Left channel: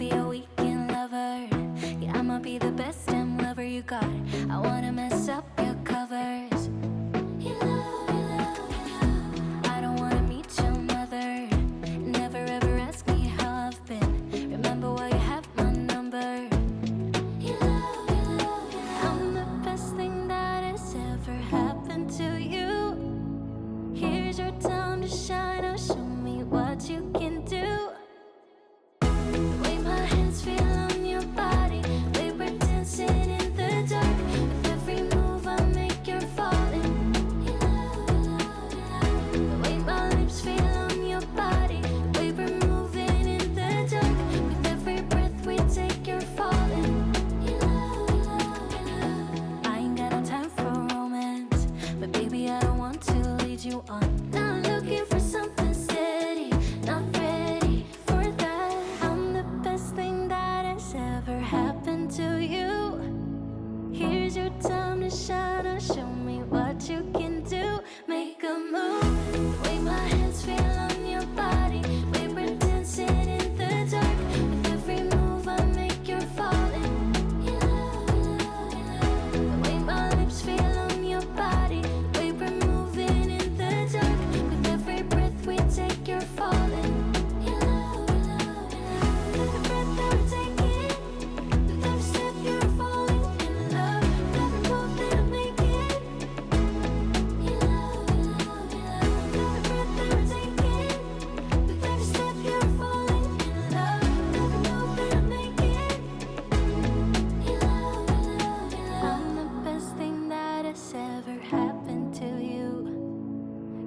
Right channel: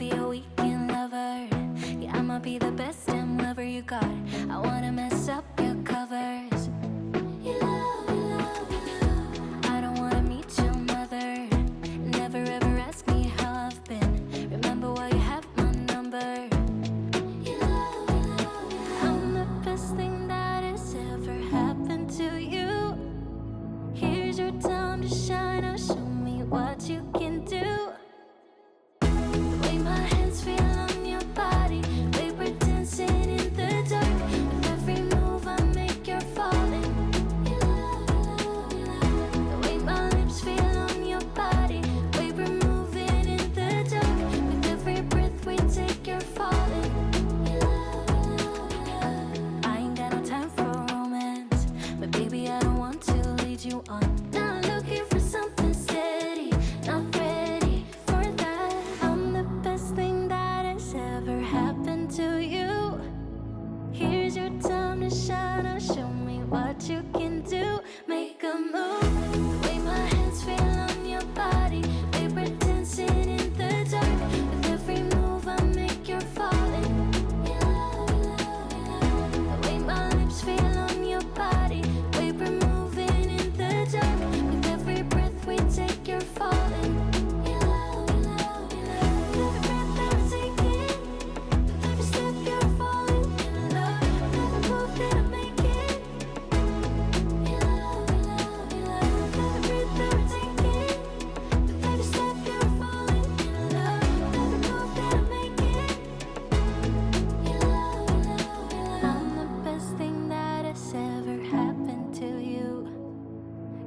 be a weekend lover. Yeah, I'ma be the best damn lover you got. I wanna mess up your covers. I don't wanna meet your mother. Never ever ask me how I've been. Remember why you have my number. I'm the best thing that has ever happened to you. Here's your time to shine. Now show me what you can do. The way my hands feel on your body, the way we're dancing in the dark. With every move I make, you're falling. The way my lips feel on your body, the way we're moving in the dark. With every breath we take, you're falling. I ain't got no time for romance, but baby I don't want to lead you on. Not looking for something steady, not ready for that. I'm the best thing that has ever happened to you. Here's your time to shine. Now show me what you can do. Make a move. The way my hands feel on your body, the way we're dancing in the dark. With every move I make, you're falling. The way my lips feel on your body, the way we're moving in the dark. With every breath we take, you're falling. Every breath that we're taking, with every step you're falling in love. With every move that I'm making, every breath that we're taking, with every step you're falling in love. With every move that I'm making, I'm the best thing that has ever happened to you.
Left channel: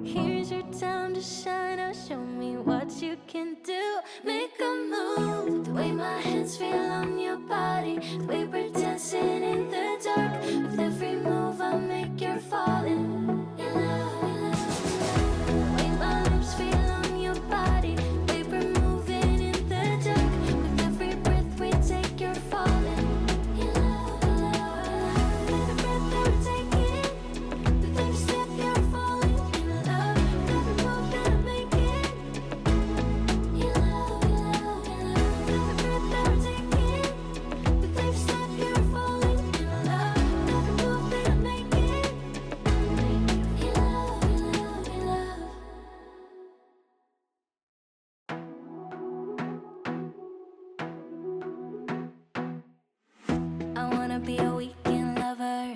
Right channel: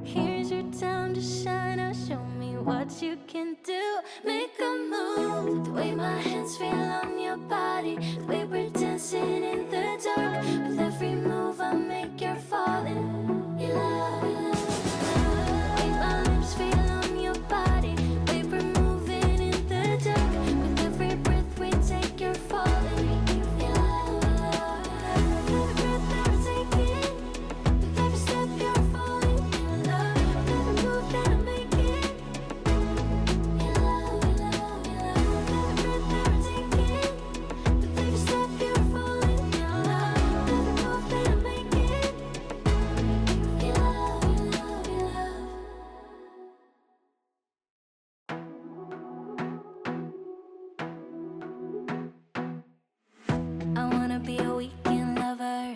Here's your time to shine. Now show me what you can do. Make a move. The way my hands feel on your body, the way we're dancing in the dark. With every move I make, you're falling. The way my lips feel on your body, the way we're moving in the dark. With every breath we take, you're falling. Every breath that we're taking, with every step you're falling in love. With every move that I'm making, every breath that we're taking, with every step you're falling in love. With every move that I'm making, I wanna be a weekend lover.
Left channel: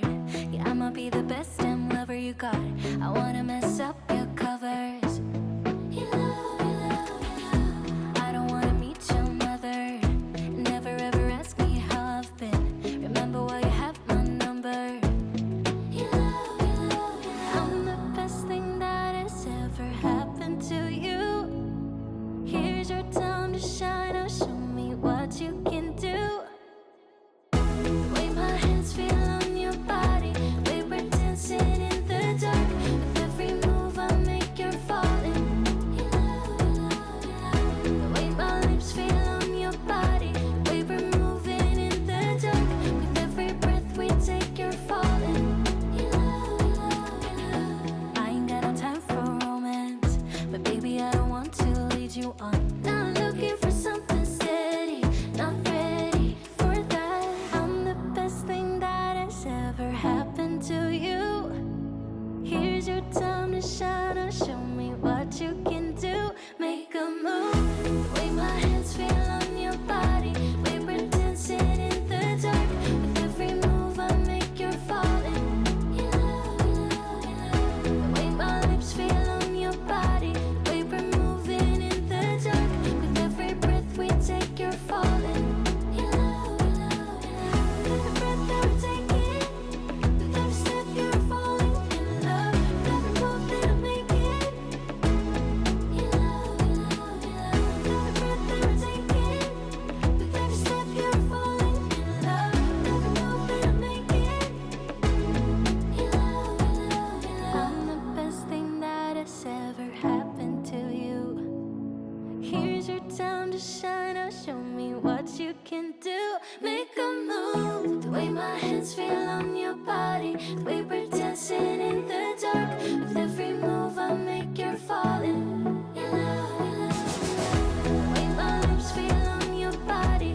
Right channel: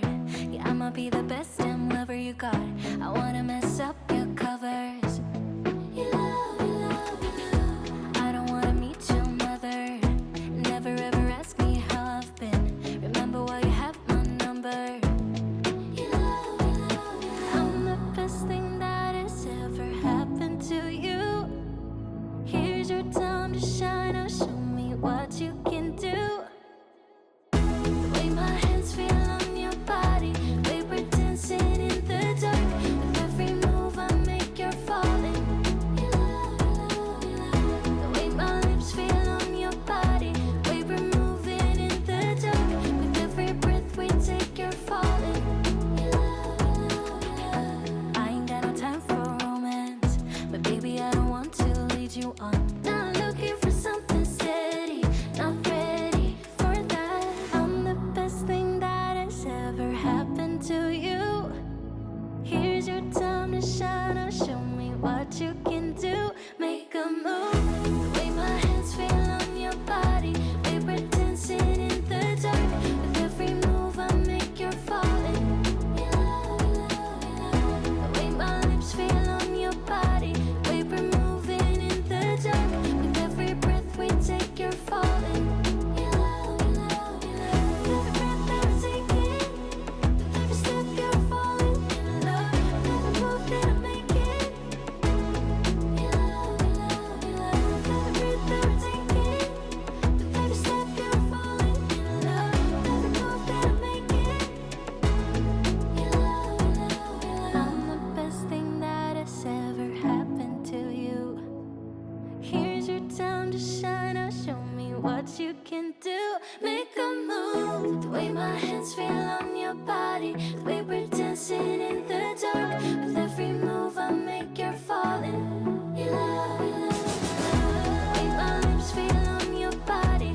Yeah, I'ma be the best damn lover you got. I wanna mess up your covers. I don't wanna meet your mother. Never ever ask me how I've been. Remember why you have my number. I'm the best thing that has ever happened to you. Here's your time to shine. Now show me what you can do. The way my hands feel on your body, the way we're dancing in the dark. With every move I make, you're falling. The way my lips feel on your body, the way we're moving in the dark. With every breath we take, you're falling. I ain't got no time for romance, but baby I don't want to lead you on. Not looking for something steady, not ready for that. I'm the best thing that has ever happened to you. Here's your time to shine. Now show me what you can do. Make a move. The way my hands feel on your body, the way we're dancing in the dark. With every move I make, you're falling. The way my lips feel on your body, the way we're moving in the dark. With every breath we take, you're falling. Every breath that we're taking, with every step you're falling in love. With every move that I'm making, every breath that we're taking, with every step you're falling in love. With every move that I'm making, I'm the best thing that has ever happened to you. Here's your time to shine. Now show me what you can do. Make a move. The way my hands feel on your body, the way we're dancing in the dark. With every move I make, you're falling. The way my lips feel on your body,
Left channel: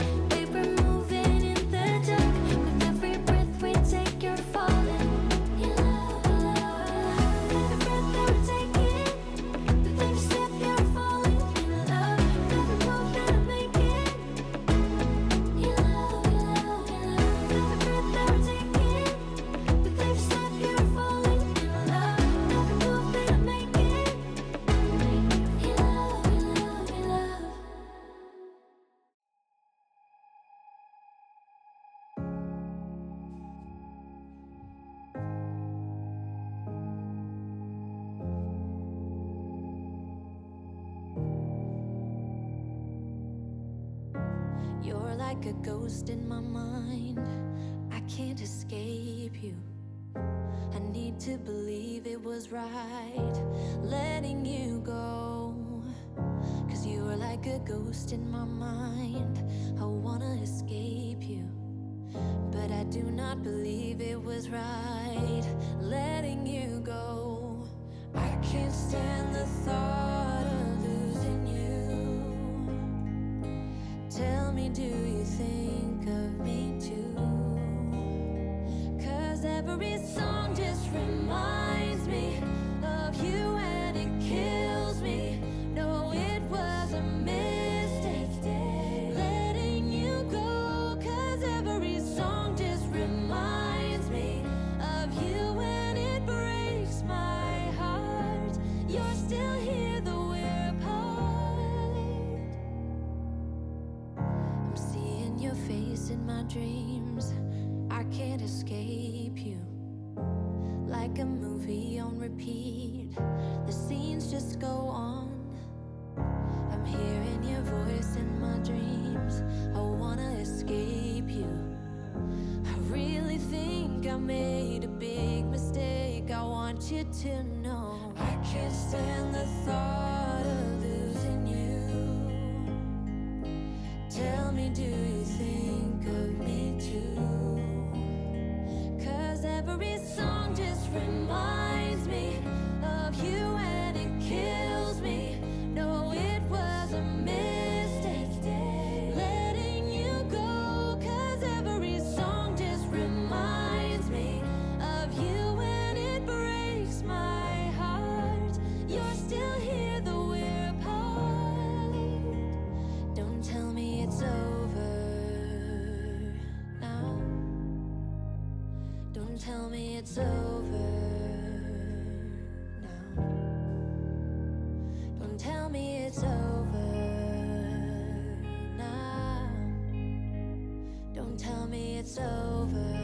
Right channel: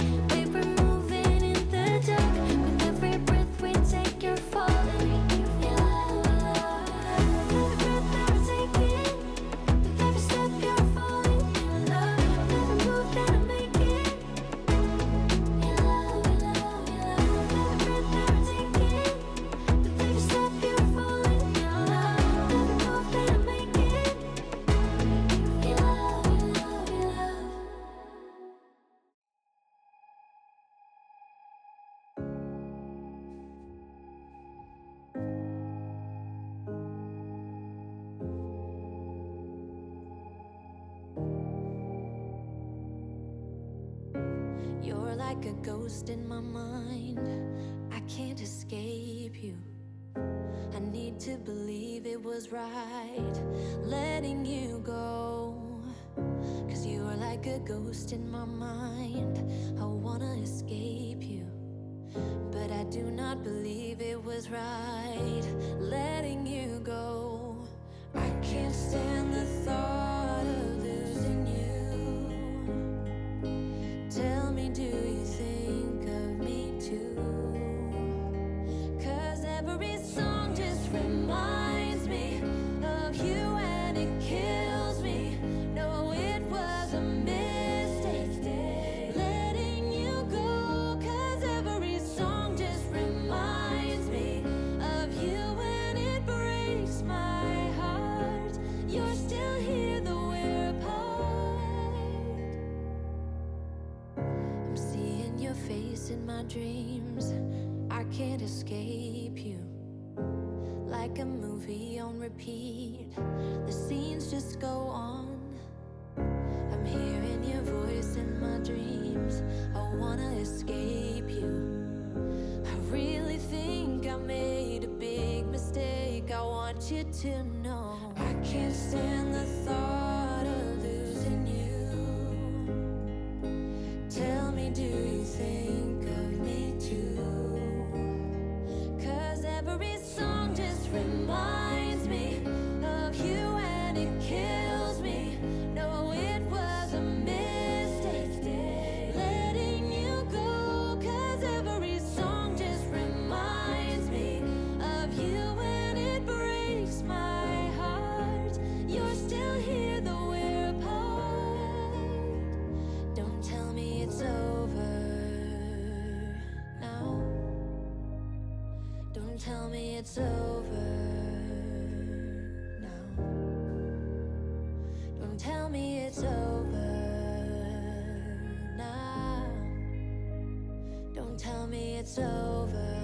You're like a ghost in my mind. I can't escape you. I need to believe it was right letting you go. 'Cause you're like a ghost in my mind. I wanna escape you, but I do not believe it was right letting you go. I can't stand the thought of losing you. Tell me, do you think of me too? 'Cause every song just reminds me of you, and it kills me. No, it was a mistake letting you go. 'Cause every song just reminds me of you, and it breaks my heart. You're still here though we're apart. I'm seeing your face in my dreams. I can't escape you. Like a movie on repeat, the scenes just go on. I'm hearing your voice in my dreams. I wanna escape you. I really think I made a big mistake. I want you to know I can't stand the thought of losing you. Tell me, do you think of me too? 'Cause every song just reminds me of you, and it kills me. No, it was a mistake letting you go. 'Cause every song just reminds me of you, and it breaks my heart. You're still here though we're apart. Don't tell me it's over now. Don't tell me it's over now. Don't tell me it's over now. Don't tell me it's over.